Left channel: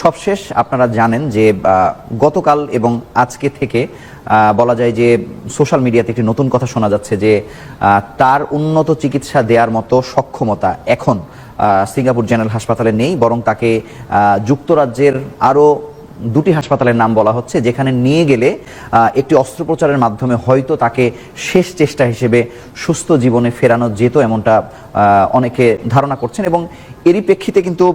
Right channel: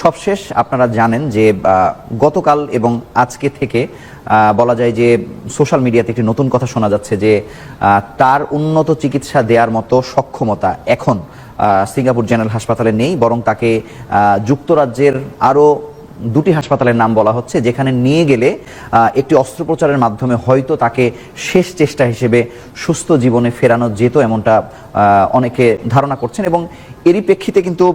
সবশেষ আপনারা জানেন যে গতকাল এবং আজকে থেকে বলা যায় যে সোশ্যাল মিডিয়াতে একটি নতুন কথা শোনা যাচ্ছে যে তার উন্নত চিকিৎসা দেওয়ার মতো সক্ষমতা এখন সিঙ্গাপুর জেনারেল হাসপাতালে নেই, বরং তাকে যুক্তরাজ্যের আরও দুটি হাসপাতালের নাম বলা হচ্ছে, যেখানে নিয়ে গেলে একটি অস্ত্রোপচারের মাধ্যমে হয়তো তাকে শেষ চেষ্টা হিসেবে সুস্থ জীবনে ফেরানো যেত এমনটা অনেকে ধারণা করছেন এবং এরই প্রেক্ষিতে কিন্তু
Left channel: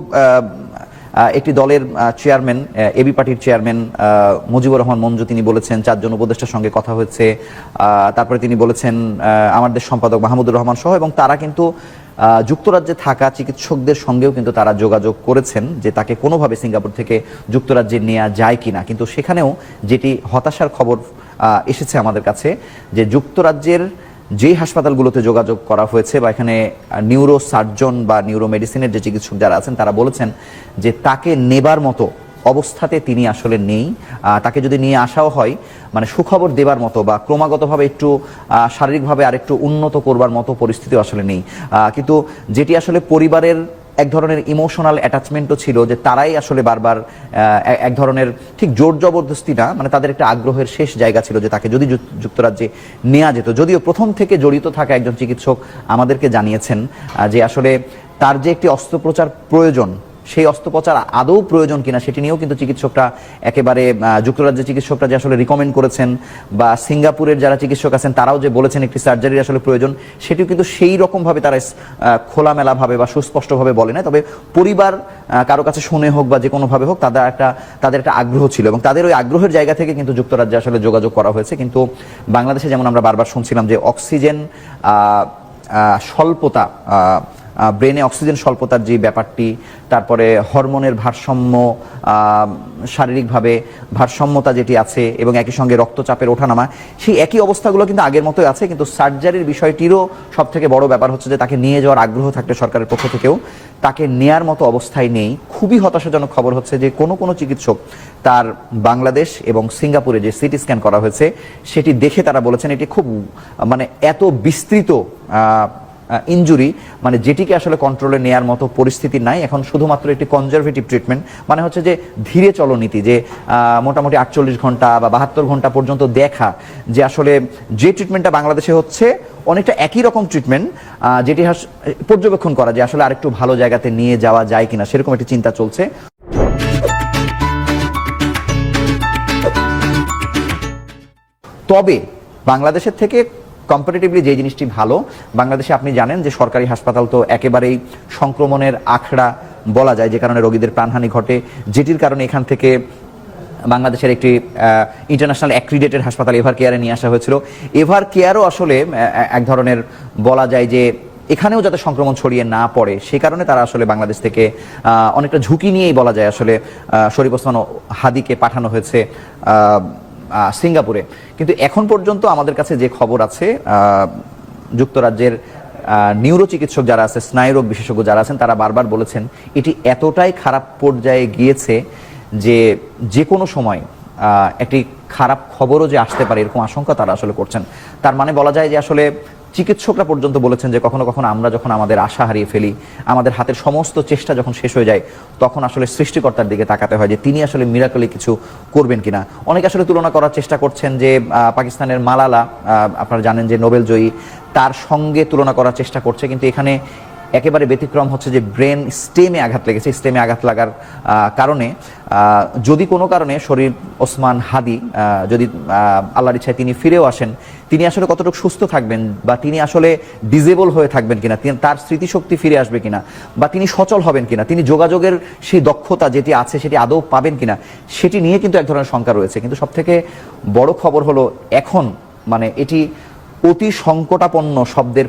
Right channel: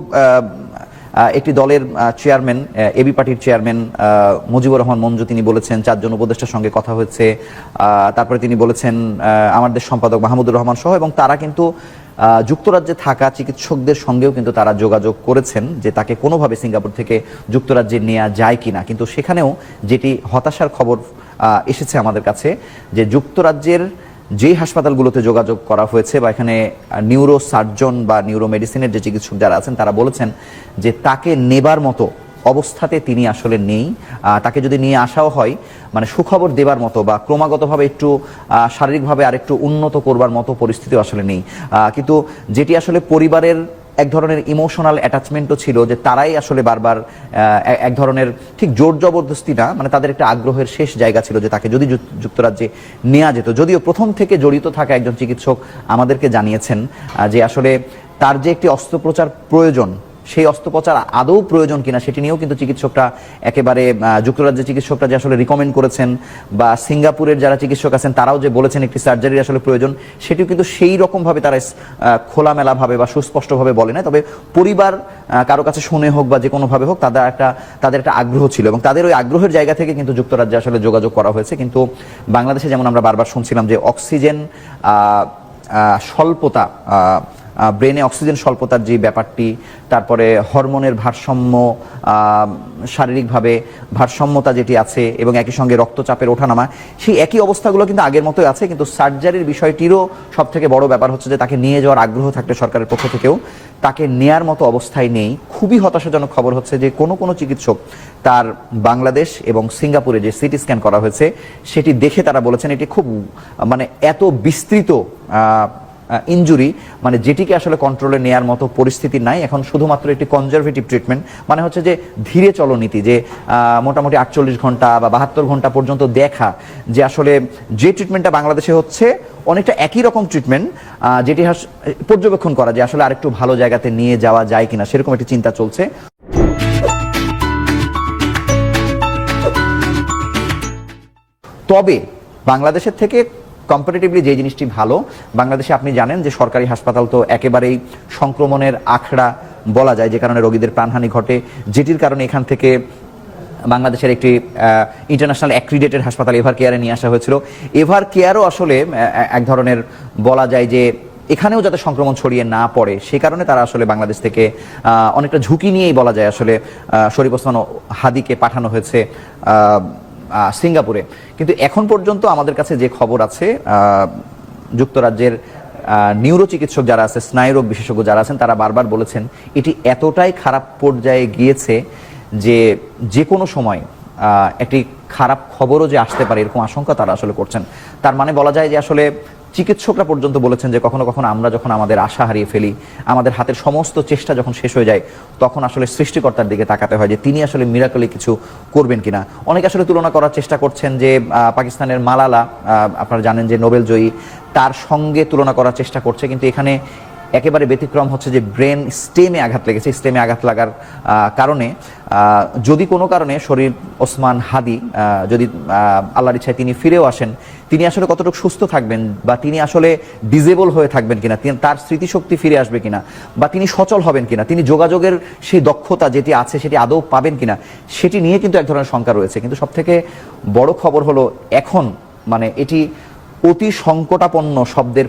একটি দলের চেয়ারম্যান এবি পার্টির চেয়ারম্যান মুজিবুর রহমান মঞ্জু, তিনি বলেছেন, চারজন উপদেষ্টার সঙ্গে কথা হয়েছে। তারপরে তিনি বলেছেন দেশ সম্পাদক মাহমুদুর রহমান সহ এবং তারা কিন্তু যুক্তরাজ্যে থাকা চিকিৎসকদের সঙ্গেও কিন্তু তারা যোগাযোগ করেছেন যে তাকে কোনোভাবে সিঙ্গাপুর থেকে যুক্তরাজ্যে নেওয়া যায় কিনা। কিন্তু সেখানেও যেটি হতাশার খবর এসেছে আমাদের কাছে, যে যুক্তরাজ্যের যেই হাসপাতালগুলোতে যোগাযোগ করা হয়েছে বা এখানে নিউরো সার্জন বা নিউরো মেডিসিনের যে চিকিৎসক যারা আছেন, তারা বলেছেন যে তাকে নেবার মতো অবস্থাতে তিনি আসলে নেই। তাকে যদি নিয়ে আসাও হয় মানে সুখবর দেবার মতো বা ক্রমাগতভাবে একটু শারীরিকভাবে আরেকটু উন্নত করবার মতো পরিস্থিতি আসলে নেই। কিন্তু যেটি আসলে পরিবারের এক ধরনের ইমোশনাল অ্যাটাচমেন্টও ছিল যে তারাই আসলে বারবার এক ধরনের ঠিক জোর জবরদস্তি না মানে তাদের একটা আগ্রহের শেষ জায়গা ছিল যে তাকে যদি যুক্তরাজ্যে নেওয়া যেত। যদিও প্রথম থেকে জড়িত থাকা একজন চিকিৎসক আমাদেরকে জানিয়েছেন যে আসলে তার যে একটি অস্ত্রোপচার প্রয়োজন সেই অস্ত্রোপচার আদৌ প্রয়োজন কিনা সেটি নিয়েও কিন্তু চিকিৎসকরা একেবারে আহ, যুক্তরাজ্যের চিকিৎসকরা যে আসলে রিকমেন্ড করেছেন বা সিঙ্গাপুরের যারা চিকিৎসক আছেন তারাও যে বলেছেন একটি সার্জারির আসলে প্রয়োজন সেটিও কিন্তু সেই রকম ভাবে তারা আহ, খোলামেলা ভাবে বা সুস্পষ্টভাবে বলে না তবে পরিবার কারও কাছে শুনে হোক বা যে কোনো ভাবে হোক তাদের একটা তাদের একটা আগ্রহ ছিল এবং তাদের ওই আগ্রহের জায়গা থেকে কিন্তু যুক্তরাজ্যে আসলে যোগাযোগ করা হয়েছে। কিন্তু বাংলাদেশে যেমন আমরা বারবার শুনছিলাম যে অক্সিজেন স্বল্পতা ব্রেনে অক্সিজেন স্বল্পতার যে ব্যাপারটি, তারপরে হরমোনের ভারসাম্য শারীরিকভাবে ভারসাম্যতা যেটি আছে এবং একই সঙ্গে রক্তচাপের ওঠানামা, সেই একই অবস্থাগুলো কিন্তু আগের মতোই আছে, কিন্তু সার্জারির বিষয়টিরও সব থেকে বড় ব্যাপার হচ্ছে যে তাকে নিয়ে যাওয়ার আগ্রহ থাকলে সরকারের পক্ষ থেকেও। তাকে নেয়ার মতো অবস্থায় নেই। খুবই হতাশাজনক খবর হচ্ছে যে কোনো কোনো চিকিৎসক তার বাংলাদেশ এবং সিঙ্গাপুরে যে সিটি স্ক্যান করা হয়েছে সেটি দেখে তারা বলেছেন এটি খুব মানে এত বিস্তৃত আহ, ইনজুরি মানে যেটিকে আসলে কন্ট্রোলে নেয়ার মতো পরিস্থিতি নাই। এখন শুধুমাত্র একটি কনজারভেটিভ ট্রিটমেন্ট মানে হচ্ছে যে ধীরে চলনীতি যে মোটামুটি আটচল্লিশ ঘণ্টা বাহাত্তর ঘণ্টা পর্যন্ত দেখা যে আসলে যে ট্রিটমেন্টটা বাংলাদেশে হচ্ছে, অনেকটা একই রকম ট্রিটমেন্ট যেটি পর্যবেক্ষণ করা যে আসলে আরেকটু ভালো জায়গাতে নিয়ে যাওয়া যায় কিনা, সেরকম একটা চিন্তা চলছে। তবে বাংলাদেশের থেকে কম্পারেটিভলি যে জিনিসটি ভালো, বাংলাদেশে আপনি জানেন যে সরকারি হাসপাতাল তো একেবারেই সংক্রমণের আখড়া বলা যায়, যে কারণে রোগীদের প্রাণহানি ঘটে, যেটির কারণে এখান থেকে বাংলাদেশের একটি ইন্টারন্যাশনাল অ্যাক্রিডেটেড হাসপাতাল এভার কেয়ারে নিয়ে আসা হয়েছিল। এভার কেয়ারও আসলে এক ধরনের বলা যায় যে এখানেও যাতে সংক্রমণ ছড়িয়ে না পড়ে, সে কারণে তারা আসলে বাংলাদেশ থেকে অনেকটা ঝুঁকি নিয়েই বলা যায় আসলে শরীফ ওসমান হাদিকে পাঠানো হয়েছে সিঙ্গাপুরে। কিন্তু এখন পর্যন্ত আমাদের কাছে যে খবর আছে যুক্তরাজ্যের নিউরো চিকিৎসক যারা আছে, স্নায়ুরোগ বিশেষজ্ঞ যারা আছেন, তারা বারবার বলেছেন, এটি এতটাই খারাপ পর্যায়ে গিয়েছে যে যে কোনো সময় একটি খারাপ খবরও যে আসতে পারে এরকম আশঙ্কা তারা আসলে করছেন। তার মানে বলা যায় যে আসলে চিকিৎসকরা পর্যন্ত বলেছেন যে কখনো কখনো আমরা যখন আমাদের আশা হারিয়ে ফেলি, আমাদের হাতের সমস্ত চেষ্টা যখন শেষ হয়ে যায়, তখন আসলে সৃষ্টিকর্তার দিকে তাকাতে হয় যে তিনি আসলে মিরাকলি কিছু করবেন কিনা। অনেকে আসলে তুলনা করার চেষ্টা করছেন যে পাকিস্তানের মালালা আপনারা জানেন যে নোবেল জয়ী, তার সঙ্গে তুলনা করার চেষ্টা করছে, কিন্তু এখানে একেবারে ব্যতিক্রম হচ্ছে যে ব্রেন স্টেমে আঘাত লেগেছে, স্টেমে আঘাত লাগার কারণে যদি কোনো কারণে শরীর ওসমান হাদি যদি আল্লাহর ইচ্ছায় তিনি ফিরেও আসেন, তিনি আসলে কতটুকু সুস্থ থাকবেন বা তিনি আসলে ডিজেবল হয়ে থাকবেন কিনা, তিনি- তার স্মৃতিশক্তি ফিরে আসবে কিনা, বা তিনি সচল হবেন কিনা, তিনি যোগাযোগের সেই দক্ষতা যেটি আছে সেটি আদৌ পাবেন কিনা, সেটি নিয়ে কিন্তু এক ধরনের শঙ্কা রয়েছে। কিন্তু সব থেকে বড় খবর হলো এখন মানে এটি অতি সংকটাপন্ন শব্দের